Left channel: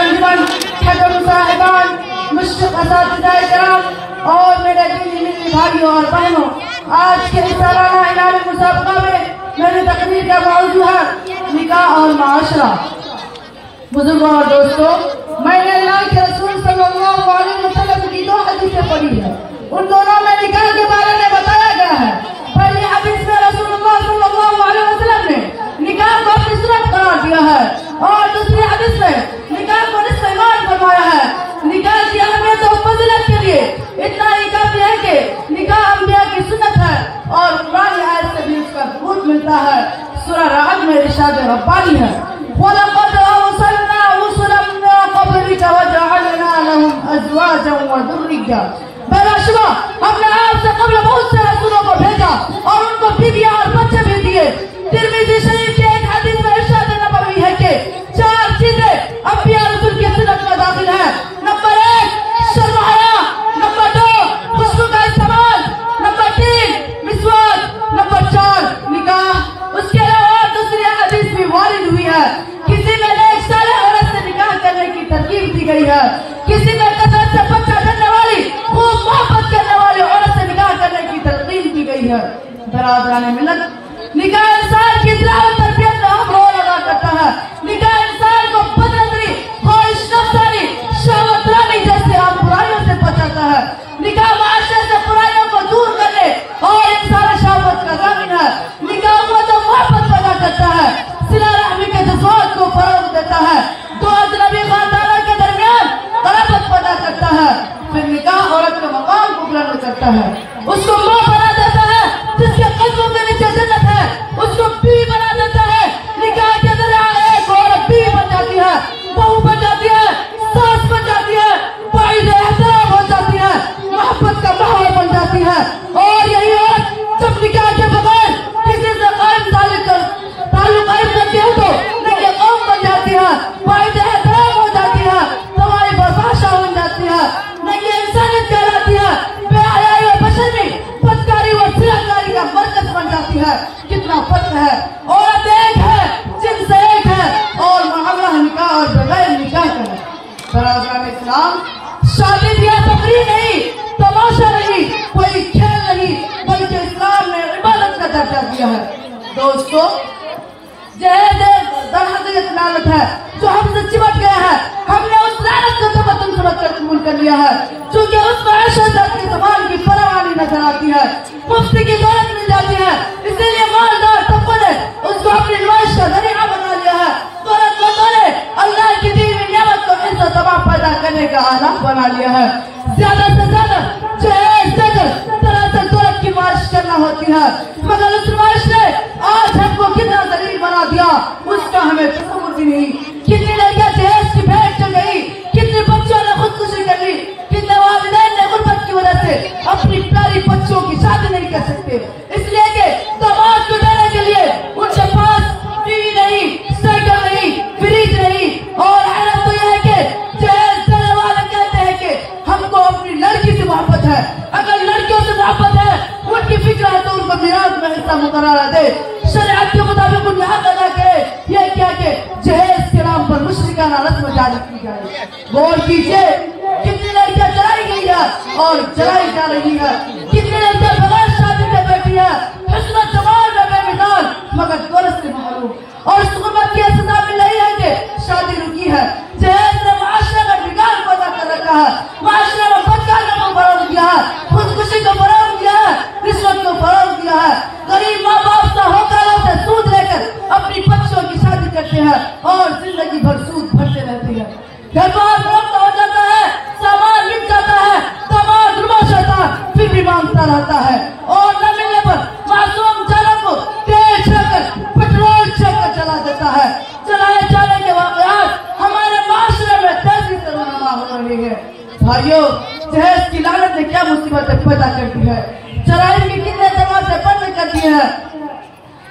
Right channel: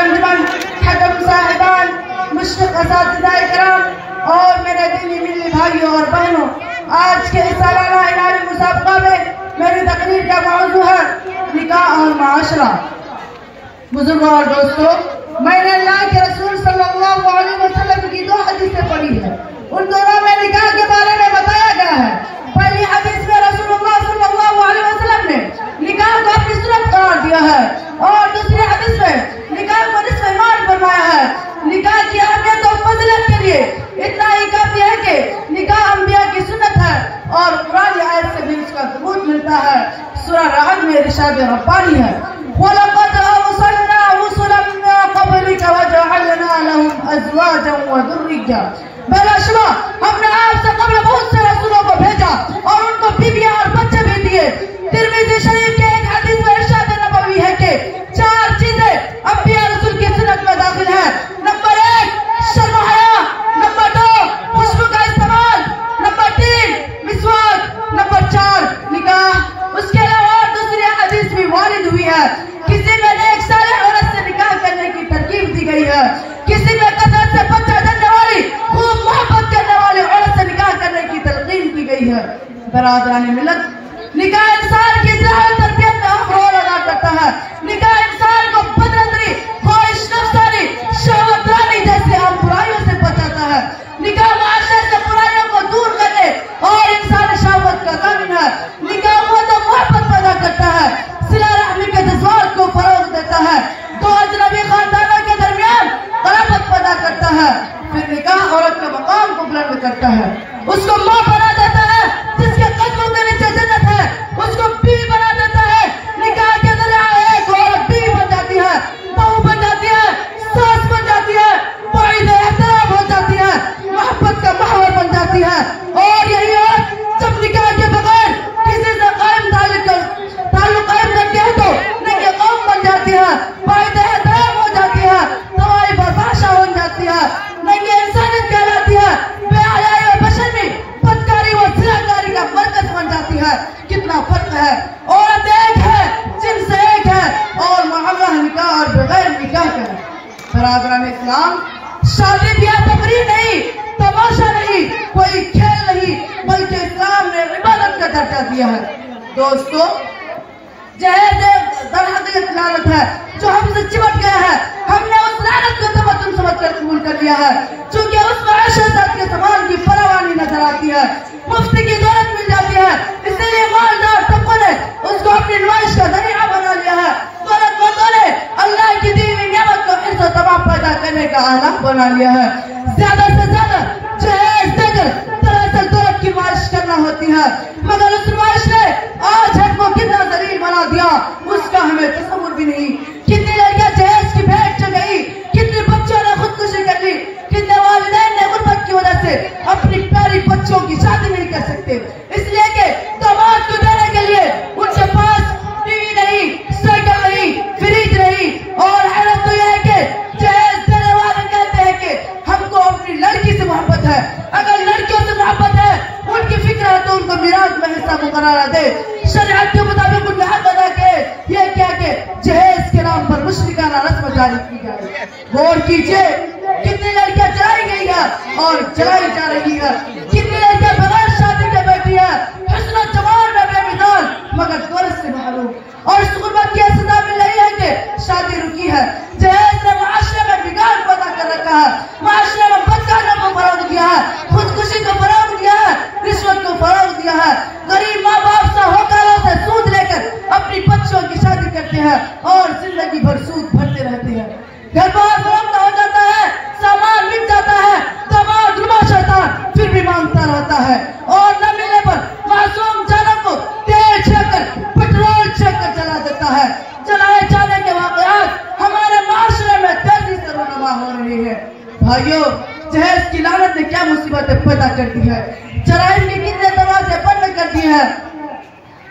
अंजुमन, खैबर साहिबान, मुश्किल असातिज़ाए किराम और मेरे दीनी भाइयों और बहनों, आज के इस सालाना इनामी मुसाबका में मेरी तकरीर का मौजू है निकाह और माशरा। बुजुर्गों और दोस्तों, मैंने अल्लाह के रसूल सल्लल्लाहु अलैहि वसल्लम की दो हदीसें पढ़ी है। उन दोनों में निकाह के बारे में बताया गया है। पहली हदीस में रसूलुल्लाह सल्लल्लाहु अलैहि वसल्लम ने निकाह को अपनी सुन्नत करार दिया है और दूसरी हदीस में निकाह को इस्तेमाल करवाया है। निकाह की अहमियत और फजीलत के लिए इतना ही काफी है कि निकाह अंबिया की सुन्नत है और कुरान आयत से भी इसका सबूत मिलता है। सूरह रहद में इरशाद रब्बानी है, वलक़द अरसलना रुसुलन मिन क़ब्लिका वजअलना लहुम अज़वाजन व ज़ुर्रिय्या। बेशुबा हमने आपसे कबल बहुत से रसूलों को भेजा और उनको बीवियां और बच्चे भी दिए। तिरमिज़ी शरीफ के एक हदीस में इरशाद नबवी है कि चार चीजें अंबिया रसूल की सुन्नत में दाखिल है। नंबर 1 शर्म हया, नंबर 2 खुशबू का इस्तेमाल, नंबर 3 मिसवाक, नंबर 4 निकाह। उसके अलावा दूसरी हदीस भी वारिद हुई है, किसी में एक साले औरत से निकाह करने की तरकीब दी गई है, किसी में कसरत से बच्चा देने वाली खूब मोहब्बत करने वाली औरत से निकाह करने की तरकीब दी गई है। बरादरान मिल्लत, निकाह इंसान की तरबियत में अहम रोल अदा करता है। निकाह इंसान को बदअज़मी, ख्वाहिश नफ्सानी, शहवतानी जैसे बुराइयों से बचाता है। निकाह माशरे से बुराइयों को दूर करने और इंसान शहवत का ज़ामिन है। निकाह मोहब्बत पैदा करता है, सिला रहमी के जज्बात को फरोग देता है, दो अजनबी खानदानों के दरमियान क़राबत पैदा करता है। फिर निकाह औरत के मकाम को बुलंद करता है, उसको मां बना देता है, जिसके कदमों के नीचे जन्नत है, उसको बीवी बना देता है। निकाह के जरिए एक औरत बीवी बन जाती है, बहू बन जाती है, सास बन जाती है, वालिद एहतराम हो जाती है, मोहब्बत का माहौल बन जाती है। और यही औरत जब निकाह के बगैर किसी से कायम ताल्लुक कायम करती है तो नंगे कौम बन जाती है, वालिद एहतराम हो जाती है, तवाई बर्दाश्त हो जाती है, नंगे इंसानियत कहलाती है, बेहयाई और बशर्मी, बदकारी और सिलाकारी का मरकज बन जाती है। कितना फर्क है। औरत एक है, जिनसे एक है और मामला निकाह और बगैर निकाह का है। बराबरान इस्लाम, शादी ब्याह तकरीर नहीं, तमाशा नहीं, कोई खेल नहीं, बल्कि इस्लाम ने इबादत का दर्जा दिया है। दोस्तों, जहेज दरहद लानत है जो हमसे चिपट गया है। हमने उस लानत को तबतन समझकर कबूल कर लिया है, क्योंकि उसको आशीर्वाद के समान की फरावानी नजर आती है, मुफ्ती की दौलत मिल जाती है। इसीलिए मालदार तबके ने उसको अपनी नुमाइश का जरिया बना लिया है। दौलतमंदों ने अल्लाह की दी हुई नियामत को इज्जत तबाह पैदा करने का आलम बना लिया है। ज्यादा से ज्यादा जहेज देकर तरह से दौलत की मालिश करना होती है, मगर उस नुमाइश ने आज हमको कितना जलील बना दिया उसका हमें तसव्वुर भी नहीं। कितनी लड़कियां जहेज की भेंट चढ़ गई, कितने बच्चों ने खुदकुशी कर ली, कितने वालिदैन ने गुर्बत की वजह से अपनी प्यारी बच्चों की शादी नहीं कर सकते, इसलिए कि दामाद को देने के लिए उनके पास टीवी नहीं, साइकिल नहीं, फ्रिज नहीं। और हैरत तो यह है कि जहेज देने वाले कहते हैं कि हमको अपनी लड़की से मोहब्बत है। अगर लड़कियों से मोहब्बत है, उनकी फिक्र है तो उनको मिराज में हिस्सा मुकर्रर दे, शरीयत के मुताबिक उनमें हक अदा करे। यह क्या कि जहेज के नाम पर मुशरिकाना रस्म जारी की जाए। गौर कीजिए, कितनी लड़कियां चलाई गई है और चलाई जा रही है, कितनी लड़कियां बगैर शादी के बैठी है, हुस्न जमाल में बेमिसाल मगर दुरुस्त से मालूम। और सुबह की सजा मिल रही है कि शादी रुकी है। जहेज ने माशरे में बिगाड़ पैदा कर रखा है, माशरे में बदकारों को फरोग दिया है, खुदकुशी को फरोग दिया है, रिश्वत को फरोग दिया है। गरीब माँ बाप से होकारों से सूद लेकर अपनी बच्चों की शादी करते हैं और जिंदगी भर सूद भरते रहते हैं। घर बार फरोख्त हो जाता है, सामान बिक जाता है, दामाद रुबाश होता है, फिर भी मांगता रहता है और न मिलने पर मासूम जाना को तेल छिड़कर पेट्रोल छिड़कर जला देता है। जलाए जाने के वाकयात हमारे माशरे में तेजी से रवाना हो रहे हैं। भाइयों, जहेज की लानत ने क्या मुसीबतें पैदा कर दी है, जराइम के कितने तमाशे बंद कर दिए हैं,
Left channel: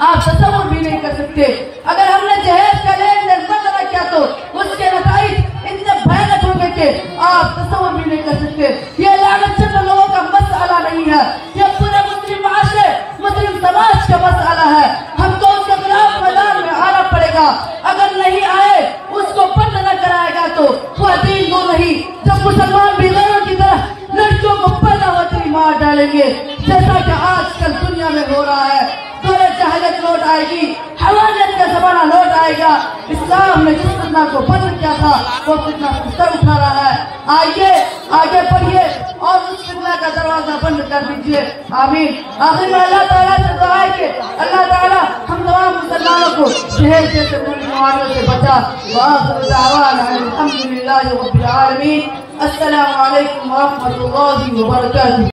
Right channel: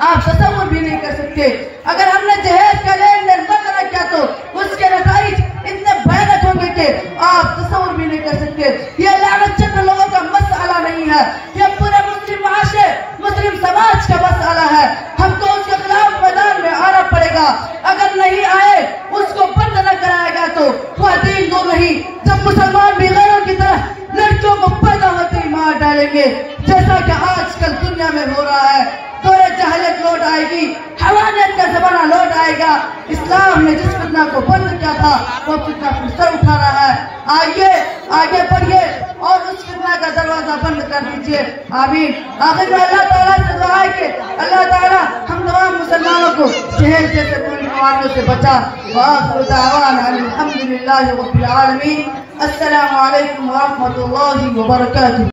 आप तसव्वुर भी नहीं कर सकते। अगर हमने जहेज का लेन किया तो उसके नतीजे इतने भयानक होंगे कि आप तस्वीर भी नहीं कर सकते। ये लानत चंद लोगों का मसला नहीं है, ये पूरे मुस्लिम माशरे मुस्लिम समाज का मसला है। हमको उसके खिलाफ मैदान में आना पड़ेगा। अगर नहीं आए उसको बंद न कराएगा तो वह दीन दो नहीं। जब मुसलमान भी गैरों की तरह लड़कियों को पैदा होते ही मार डालेंगे, जैसा कि आजकल दुनिया में हो रहा है। दौरे जहालियत लौट आएगी, हवानियत का जमाना लौट आएगा। इस्लाम ने जिस फितना को बंद किया था वो फितना सर उठा रहा है। आइए आगे बढ़िए और उस फितना का दरवाजा बंद कर दीजिए। आमीन। आखिर में अल्लाह ताला से दुआ है कि अल्लाह ताला हम तमाम मुसलमानों को जहर जैसे बीमारियों से बचा। अल्हम्दुलिल्लाहि रब्बिल आलमीन। अस्सलामु अलैकुम व रहमतुल्लाहि व बरकातुहू।